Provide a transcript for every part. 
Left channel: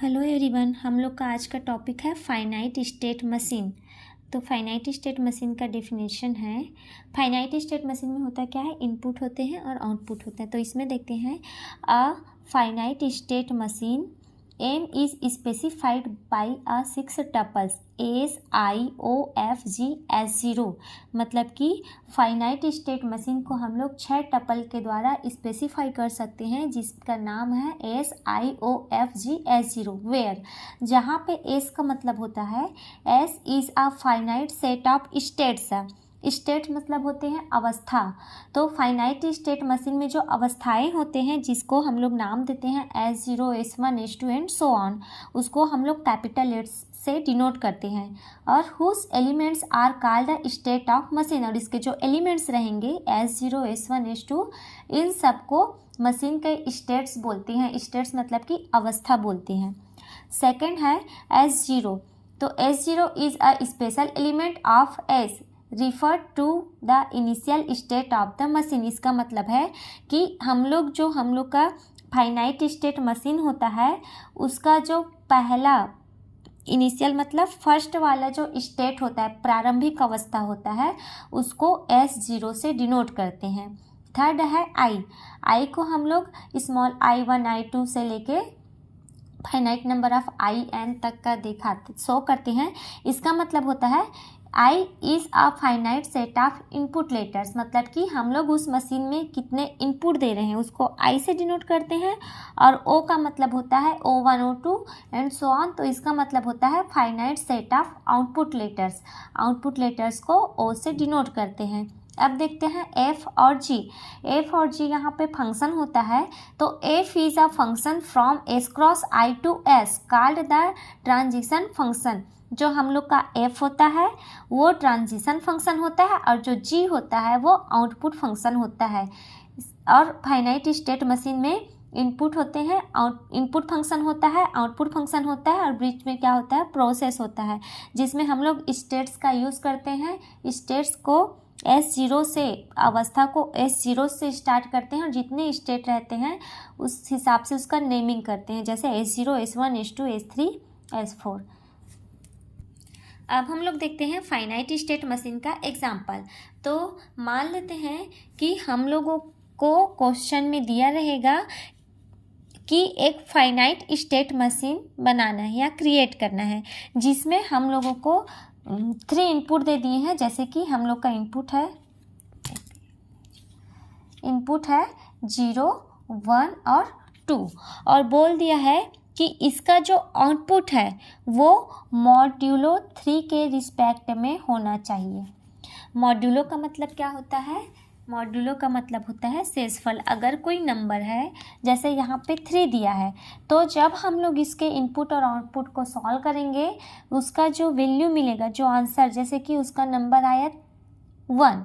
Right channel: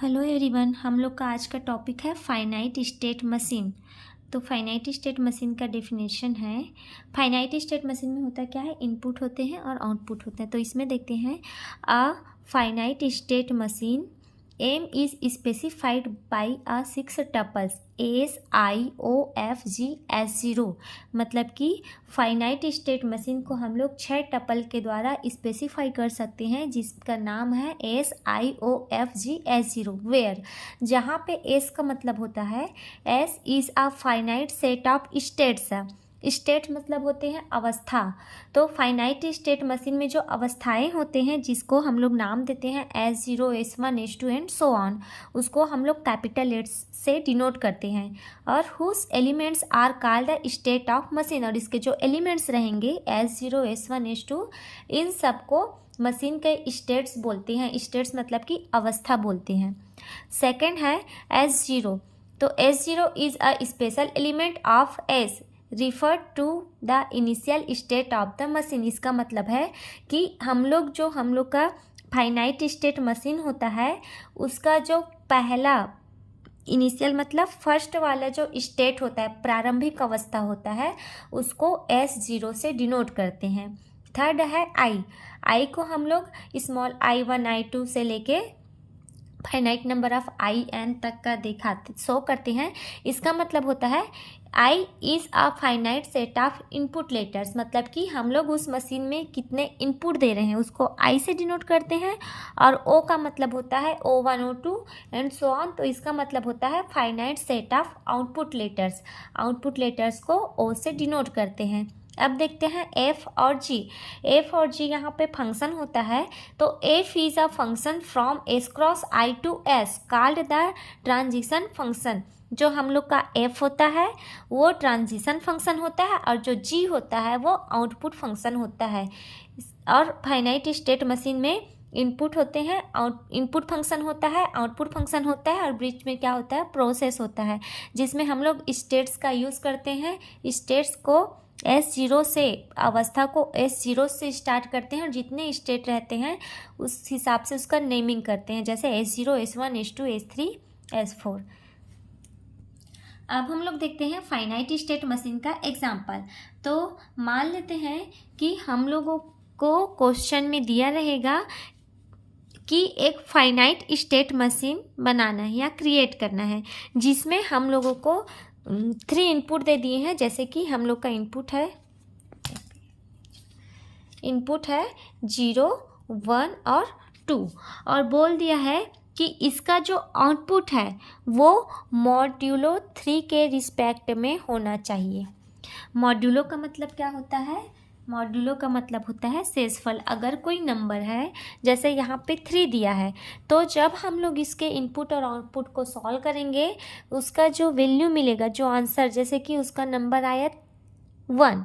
Hello everyone, हम लोग का आज का टॉपिक है फाइनाइट स्टेट मशीन। तो फाइनाइट स्टेट मशीन का डेफिनेशन है, फाइनाइट स्टेट मशीन में होता क्या है, इनपुट होते हैं और आउटपुट होते हैं। तो इसमें देखते हैं a finite state machine M is specified by a 6 tuples SIOFG S0। मतलब कि फाइनाइट स्टेट मशीन को हम लोग 6 टपल के द्वारा स्पेसिफाई कर सकते हैं, जिसका नाम है SIOFG S0। वेयर, जहाँ पे S का मतलब होता है S is a finite set of states. State मतलब होते हैं अवस्था। तो फाइनाइट स्टेट मशीन में जो अवस्थाएं होते हैं, जिसको हम लोग नाम देते हैं S0 S1 S2 and so on, उसको हम लोग कैपिटल लेट्स से डिनोट करते हैं। और हुस elements are called the state of machine. और इसके जो एलिमेंट्स रहेंगे S0 S1 S2, इन सबको मशीन के स्टेट्स बोलते हैं। स्टेट्स मतलब कि अवस्था बोलते हैं। सेकेंड है S0। तो S0 is a special element of S refer to the initial state of the machine. इसका मतलब है कि हम लोग का फाइनाइट स्टेट मशीन होता है, उसका जो पहला इनिशियल मतलब फर्स्ट वाला जो स्टेट होता है, प्रारंभिक अवस्था होता है, उसको S0 से डिनोट करते हैं। थर्ड है आई को हम लोग स्मॉल I1 I2 से लेके फाइनाइट नंबर ऑफ IN तक का शो करते हैं। इसका मतलब होता है I is a finite set of input letters. मतलब कि हम लोग उस मशीन में कितने इनपुट दे रहे हैं उसको I से डिनोट करते हैं। और O का मतलब होता है O1 O2 and so on. तो इसका मतलब होता है finite set of output letters. Output letters को O से डिनोट करते हैं। अब देखते हैं F और G। F और G यहाँ पे फंक्शन होता है। तो F is a function from S cross I to S called the transition function. जो हम लोग का F होता है वो ट्रांजिशन फंक्शन होता है, और जो G होता है वो आउटपुट फंक्शन होता है। और फाइनाइट स्टेट मशीन में इनपुट होते हैं, इनपुट फंक्शन होता है, आउटपुट फंक्शन होता है, और बीच में क्या होता है, प्रोसेस होता है, जिसमें हम लोग स्टेट्स का यूज़ करते हैं। स्टेट्स को S0 से, अवस्था को S0 से स्टार्ट करते हैं, और जितने स्टेट रहते हैं उस हिसाब से उसका नेमिंग करते हैं, जैसे S0 S1 S2 S3 S4। अब हम लोग देखते हैं फाइनाइट स्टेट मशीन का एग्जाम्पल। तो मान लेते हैं कि हम लोगों को क्वेश्चन में दिया रहेगा कि एक फाइनाइट स्टेट मशीन बनाना है या क्रिएट करना है, जिसमें हम लोगों को 3 इनपुट दे दिए हैं। जैसे कि हम लोग का इनपुट है 0 1 और 2, और बोल दिया है कि इसका जो आउटपुट है वो मॉड्यूलो 3 के रिस्पेक्ट में होना चाहिए। मॉड्यूलो का मतलब क्या होता है? मॉड्यूलो का मतलब होता है शेषफल। अगर कोई नंबर है, जैसे यहाँ पे 3 दिया है, तो जब हम लोग इसके इनपुट और आउटपुट को सॉल्व करेंगे, उसका जो वैल्यू मिलेगा, जो आंसर, जैसे कि उसका नंबर आया 1,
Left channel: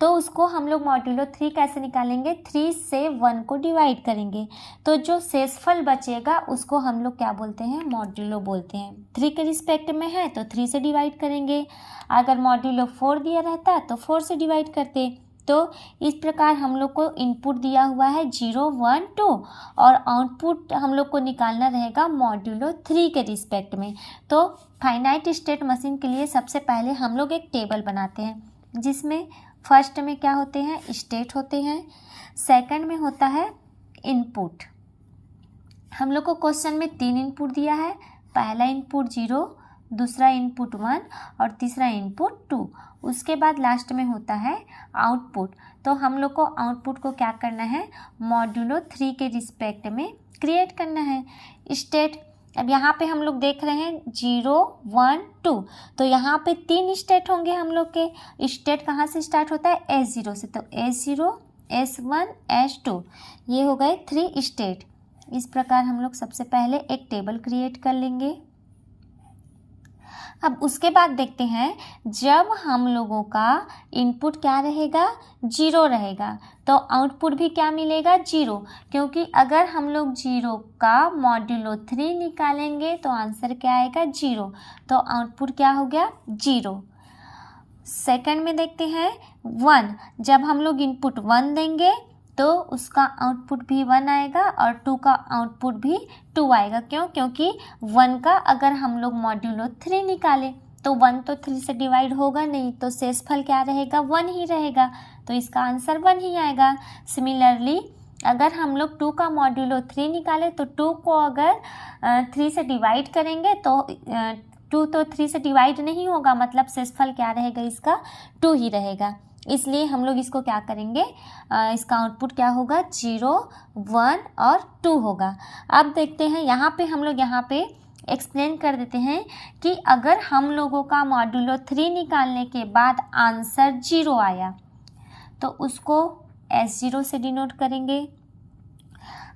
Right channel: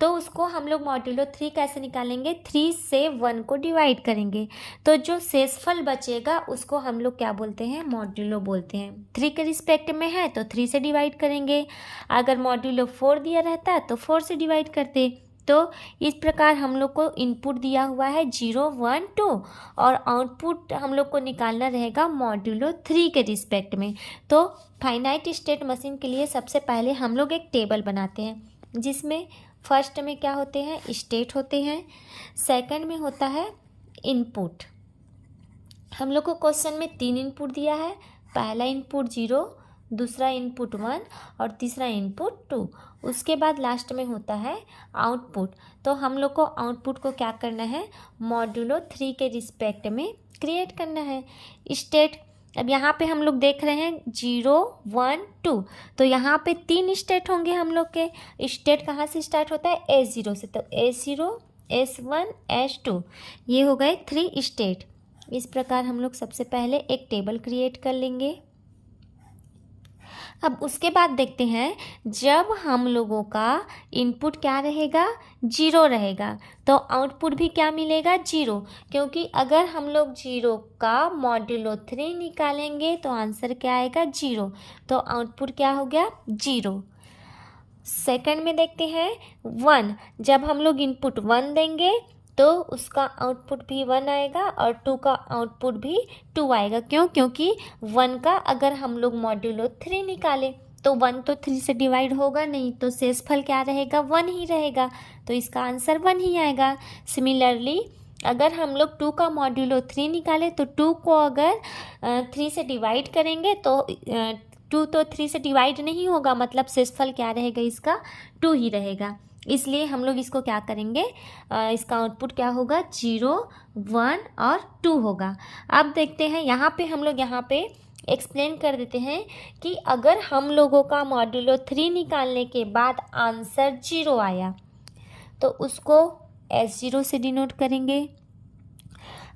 तो उसको हम लोग मॉड्यूलो 3 कैसे निकालेंगे? 3 से 1 को डिवाइड करेंगे, तो जो शेषफल बचेगा उसको हम लोग क्या बोलते हैं? मॉड्यूलो बोलते हैं। 3 के रिस्पेक्ट में है तो 3 से डिवाइड करेंगे। अगर मॉड्यूलो 4 दिया रहता तो 4 से डिवाइड करते। तो इस प्रकार हम लोग को इनपुट दिया हुआ है 0 1 2, और आउटपुट हम लोग को निकालना रहेगा मॉड्यूलो 3 के रिस्पेक्ट में। तो फाइनाइट स्टेट मशीन के लिए सबसे पहले हम लोग एक टेबल बनाते हैं, जिसमें फर्स्ट में क्या होते हैं? स्टेट होते हैं। सेकंड में होता है इनपुट। हम लोग को क्वेश्चन में 3 इनपुट दिया है। पहला इनपुट 0, दूसरा इनपुट 1 और तीसरा इनपुट 2। उसके बाद लास्ट में होता है आउटपुट। तो हम लोग को आउटपुट को क्या करना है? मॉड्यूलो 3 के रिस्पेक्ट में क्रिएट करना है। स्टेट, अब यहाँ पे हम लोग देख रहे हैं 0 1 2, तो यहाँ पे 3 स्टेट होंगे। हम लोग के स्टेट कहाँ से स्टार्ट होता है? S0 से। तो S0 S1 S2, ये हो गए 3 स्टेट। इस प्रकार हम लोग सबसे पहले एक टेबल क्रिएट कर लेंगे। अब उसके बाद देखते हैं, जब हम लोगों का इनपुट क्या रहेगा? 0 रहेगा, तो आउटपुट भी क्या मिलेगा? 0, क्योंकि अगर हम लोग 0 का मॉड्यूलो 3 निकालेंगे तो आंसर क्या आएगा? 0। तो आउटपुट क्या हो गया? 0। सेकंड में देखते हैं 1। जब हम लोग इनपुट 1 देंगे तो उसका आउटपुट भी 1 आएगा और 2 का आउटपुट भी 2 आएगा। क्यों? क्योंकि 1 का अगर हम लोग मॉड्यूलो 3 निकालें तो 1 तो 3 से डिवाइड होगा नहीं, तो शेषफल क्या रहेगा? 1 ही रहेगा, तो इसका आंसर 1 ही आएगा। सिमिलरली अगर हम लोग 2 का मॉड्यूलो 3 निकालें तो 2 को अगर 3 से डिवाइड करेंगे तो 2 तो 3 से डिवाइड नहीं होगा, मतलब शेषफल क्या रहेगा? इसका 2 ही रहेगा। इसलिए हम लोग इसको क्या करेंगे, इसका आउटपुट क्या होगा? 0, 1 और 2 होगा। अब देखते हैं यहाँ पे हम लोग यहाँ पे एक्सप्लेन कर देते हैं कि अगर हम लोगों का मॉड्यूलो 3 निकालने के बाद आंसर 0 आया तो उसको S0 से डिनोट करेंगे।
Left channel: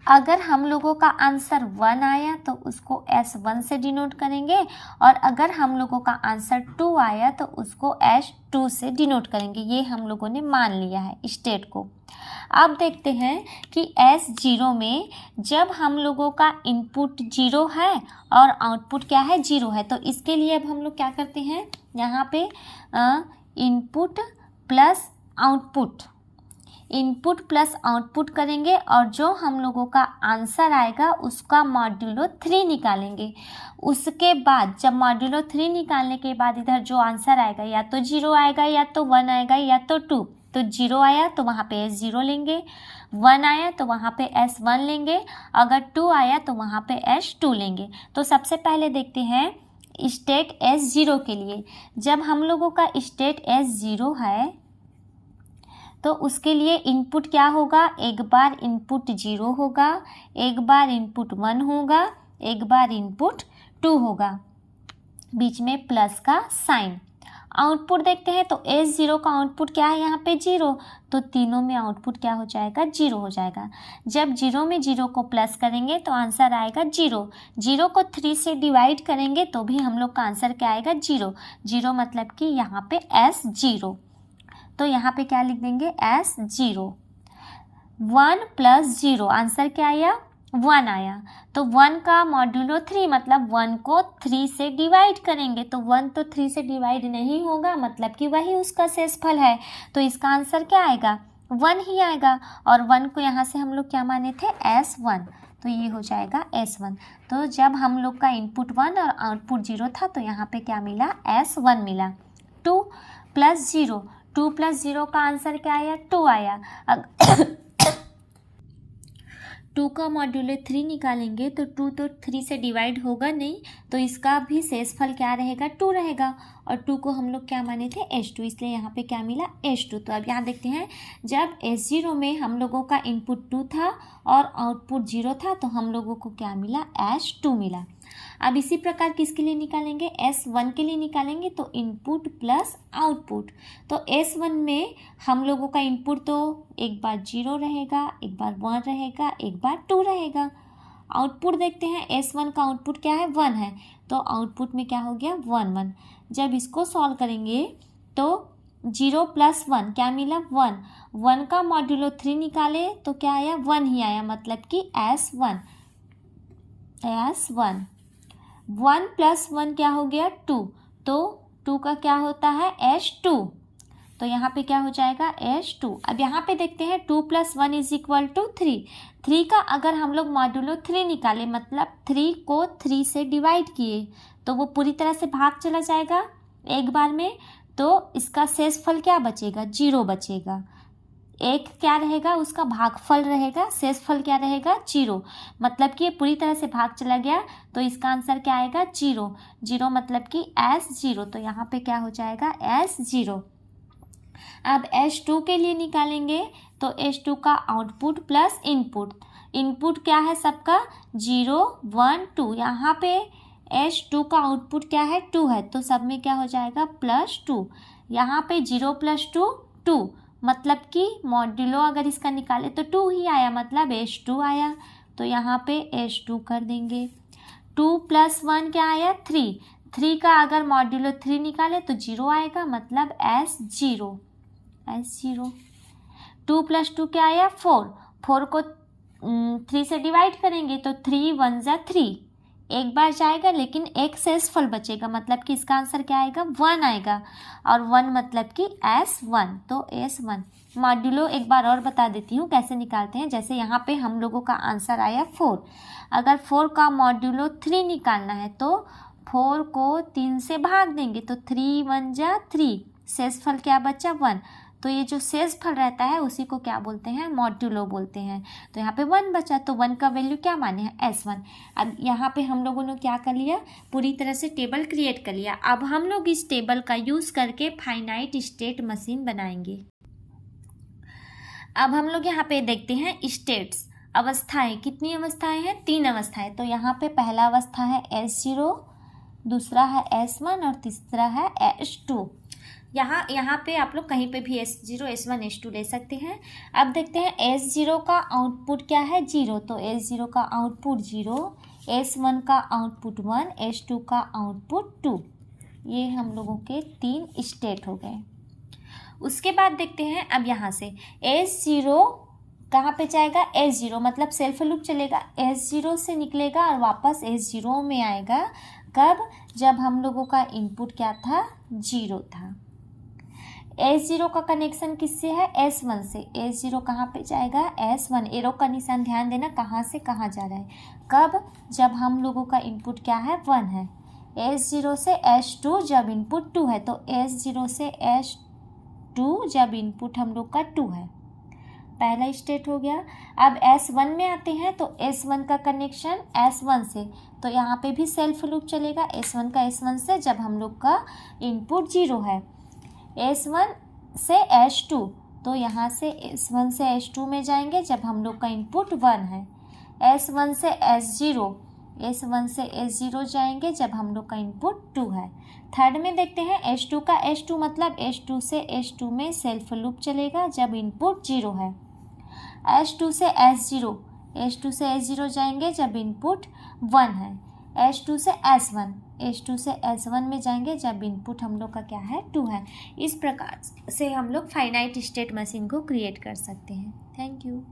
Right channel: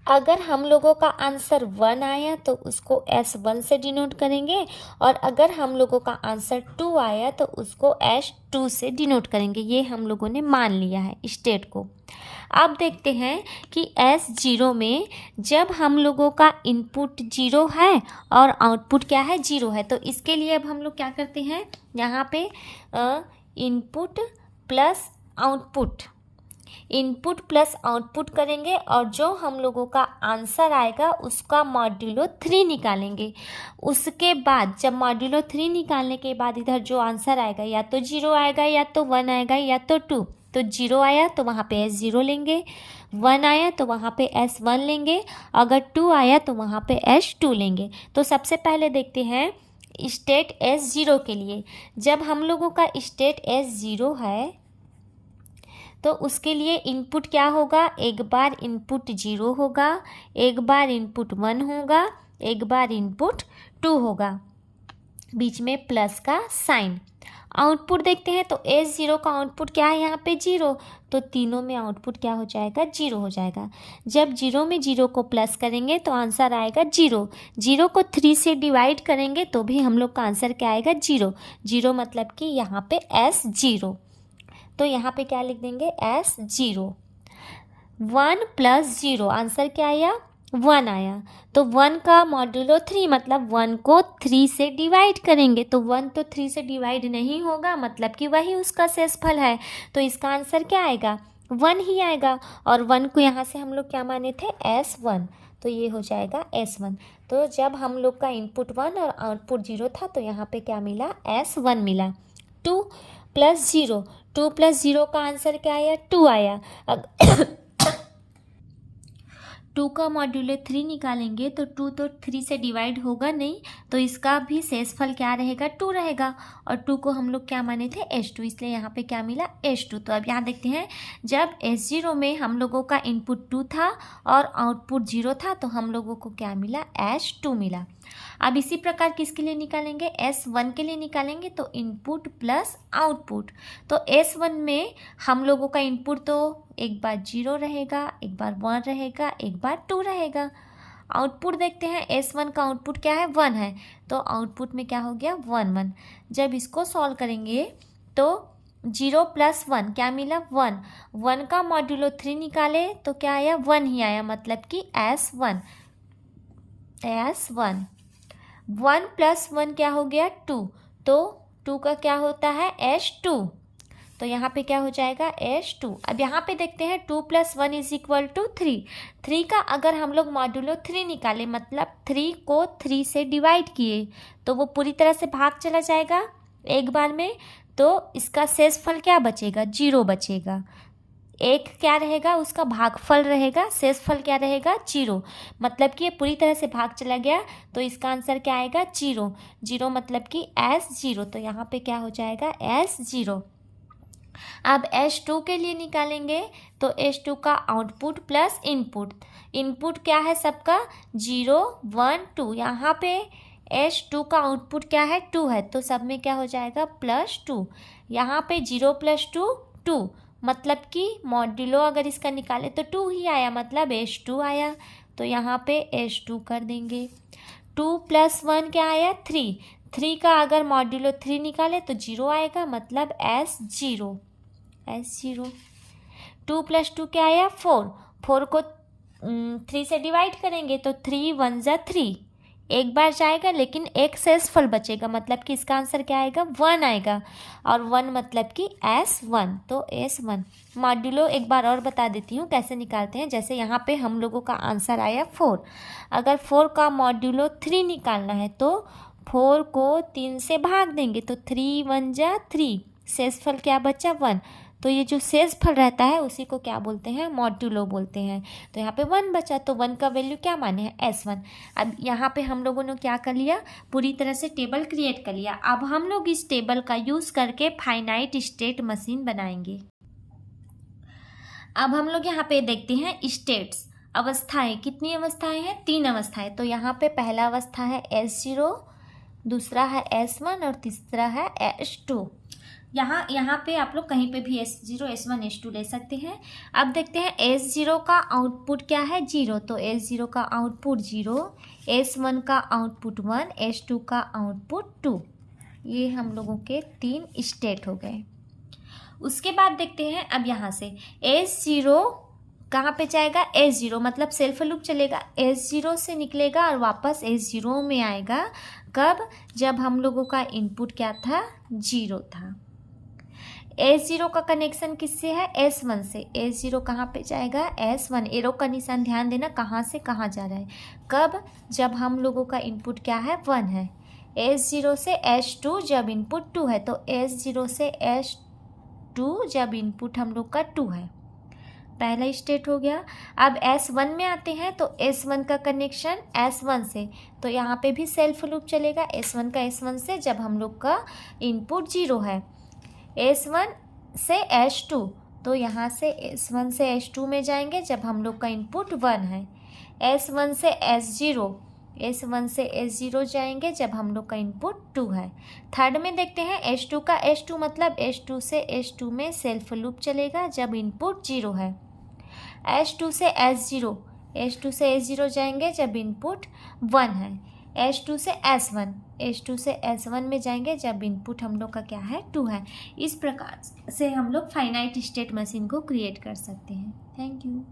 अगर हम लोगों का आंसर 1 आया तो उसको S1 से डिनोट करेंगे, और अगर हम लोगों का आंसर 2 आया तो उसको S2 से डिनोट करेंगे। ये हम लोगों ने मान लिया है स्टेट को। अब देखते हैं कि S0 में जब हम लोगों का इनपुट 0 है और आउटपुट क्या है? 0 है, तो इसके लिए अब हम लोग क्या करते हैं, यहाँ पे input plus output, input plus output करेंगे और जो हम लोगों का आंसर आएगा उसका मॉड्यूलो 3 निकालेंगे। उसके बाद जब मॉड्यूलो 3 निकालने के बाद इधर जो आंसर आएगा या तो 0 आएगा या तो 1 आएगा या तो 2। तो 0 आया तो वहाँ पे S0 लेंगे, 1 आया तो वहाँ पे S1 लेंगे, अगर 2 आया तो वहाँ पे S2 लेंगे। तो सबसे पहले देखते हैं स्टेट S0 के लिए। जब हम लोगों का स्टेट S0 है तो उसके लिए इनपुट क्या होगा? एक बार इनपुट 0 होगा, एक बार इनपुट 1 होगा, एक बार इनपुट 2 होगा, बीच में प्लस का साइन। आउटपुट देखते हैं तो S0 का आउटपुट क्या है? यहाँ पे 0, तो तीनों में आउटपुट क्या हो जाएगा? 0 हो जाएगा। जब 0 में 0 को प्लस करेंगे तो आंसर आएगा 0। 0 को 3 से डिवाइड करेंगे तो भी हम लोग का आंसर क्या आएगा? 0। 0 मतलब कि यहाँ पे S0, तो यहाँ पे क्या लिख देंगे? S0। 1 प्लस 0 आंसर क्या आया? 1 आया। तो 1 का मॉड्यूलो 3 मतलब 1 को 3 से डिवाइड करेंगे, तो 1 तो 3 से डिवाइड नहीं होगा, मतलब कि वही उसका शेषफल है, तो इसका आंसर क्या आएगा? 1 ही आएगा। और 1 को यहाँ से हम लोग क्या माने थे? S1, तो ये हो जाएगा S1। तो जब हम लोग का इनपुट 1 और आउटपुट 0 था तो यहाँ पे क्या मिला? S1 मिला। 2 प्लस 0, 2 प्लस 0 का आंसर क्या आया? 2 आया। 2 का मॉड्यूलो 3 निकालेंगे तो 2 तो 3 से डिवाइड होगा नहीं, तो इसका भी शेषफल क्या रहेगा? 2 रहेगा। और 2 को हम लोग क्या माने थे? S2, इसलिए यहाँ पे क्या मिला? S2। तो अब यहाँ देखते हैं जब S0 में हम लोगों का इनपुट 2 था और आउटपुट 0 था तो हम लोगों को क्या मिला? S2 मिला। अब इसी प्रकार किसके लिए निकालेंगे? S1 के लिए निकालेंगे, तो इनपुट प्लस आउटपुट। तो S1 में हम लोगों का इनपुट तो एक बार 0 रहेगा, एक बार 1 रहेगा, एक बार 2 रहेगा। आउटपुट देखते हैं, S1 का आउटपुट क्या है? 1 है, तो आउटपुट में क्या हो गया? 1 1। जब इसको सॉल्व करेंगे तो 0 प्लस 1 क्या मिला? 1। 1 का मॉड्यूलो 3 निकाले तो क्या आया? 1 ही आया, मतलब कि S1। 1 प्लस 1 क्या हो गया? 2, तो 2 का क्या होता है? S2, तो यहाँ पे क्या हो जाएगा? S2। अब यहाँ पे देखते हैं 2 प्लस 1 इज इक्वल टू 3। 3 का अगर हम लोग मॉड्यूलो 3 निकाले, मतलब 3 को 3 से डिवाइड किए, तो वो पूरी तरह से भाग चला जाएगा एक बार में, तो इसका शेषफल क्या बचेगा? 0 बचेगा। एक क्या रहेगा? उसका भागफल रहेगा, शेषफल क्या रहेगा? 0, मतलब कि ये पूरी तरह से भाग चला गया, तो इसका आंसर क्या आएगा? 0। 0 मतलब कि S0, तो यहाँ पे क्या हो जाएगा? S0। अब S2 के लिए निकालेंगे तो S2 का आउटपुट प्लस इनपुट, इनपुट क्या है सबका? 0 1 2, यहाँ पे S2 का आउटपुट क्या है? 2 है, तो सब में क्या हो जाएगा? प्लस 2। यहाँ पे 0 प्लस 2 2, मतलब कि मॉड्यूलो अगर इसका निकाले तो 2 ही आया, मतलब S2 आया, तो यहाँ पे S2 कर देंगे। 2 प्लस 1 क्या आया? 3। 3 का अगर मॉड्यूलो 3 निकाले तो 0 आएगा, मतलब S0। 2 प्लस 2 क्या आया? 4। 4 को 3 से डिवाइड करेंगे तो 3 1 जा 3, एक बार जाएगा लेकिन एक शेषफल बचेगा, मतलब कि इसका आंसर क्या आएगा, 1 आएगा। और 1 मतलब कि S1, तो S1 मॉड्यूलो एक बार और बता देती हूँ कैसे निकालते हैं। जैसे यहाँ पे हम लोगों का आंसर आया 4, अगर 4 का मॉड्यूलो 3 निकालना है तो 4 को 3 से भाग देंगे, तो 3 1 जा 3, शेषफल क्या बचा 1। तो ये जो शेषफल रहता है उसी को क्या बोलते हैं, मॉड्यूलो बोलते हैं। तो यहाँ पे 1 बचा, तो 1 का वैल्यू क्या माने हैं, S1। अब यहाँ पे हम लोगों ने क्या कर लिया, पूरी तरह से टेबल क्रिएट कर लिया। अब हम लोग इस टेबल का यूज़ करके फाइनाइट स्टेट मशीन बनाएंगे। अब हम लोग यहाँ पे देखते हैं स्टेट्स, अवस्थाएं। कितनी अवस्थाएं हैं, 3 अवस्थाएं। तो यहाँ पे पहला अवस्था है S0, दूसरा है S1 और तीसरा है S2। यहाँ पे आप लोग कहीं पे भी S0 S1 S2 ले सकते हैं। अब देखते हैं S0 का आउटपुट क्या है, 0, तो S0 का आउटपुट 0, S1 का आउटपुट 1, S2 का आउटपुट 2। ये हम लोगों के 3 स्टेट हो गए। उसके बाद देखते हैं अब यहाँ से S0 कहाँ पे जाएगा, S0 मतलब सेल्फ लूप चलेगा, S0 से निकलेगा और वापस S0 में आएगा। कब, जब हम लोगों का इनपुट क्या था, 0 था। S0 का कनेक्शन किससे है, S1 से। S0 कहाँ पे जाएगा, S1, एरो का निशान ध्यान देना कहाँ से कहाँ जा रहा है। कब, जब हम लोगों का इनपुट क्या है, 1 है। S0 से S2 जब इनपुट 2 है, तो S0 से S2 जब इनपुट हम लोग का 2 है, पहला स्टेट हो गया। अब S1 में आते हैं, तो S1 का कनेक्शन S1 से, तो यहाँ पे भी सेल्फ लूप चलेगा, S1 का S1 से जब हम लोग का इनपुट 0 है। S1 से S2, तो यहाँ से S1 से S2 में जाएंगे जब हम लोग का इनपुट 1 है। S1 से S0, S1 से S0 जाएंगे जब हम लोग का इनपुट 2 है। थर्ड में देखते हैं S2 का S2 मतलब S2 से S2 में सेल्फ लूप चलेगा जब इनपुट 0 है। S2 से S0, S2 से S0 जाएंगे जब इनपुट 1 है। S2 से S1, S2 से S1 में जाएंगे जब इनपुट हम लोग का क्या है, 2 है। इस प्रकार से हम लोग फाइनाइट स्टेट मशीन को क्रिएट कर सकते हैं। Thank you.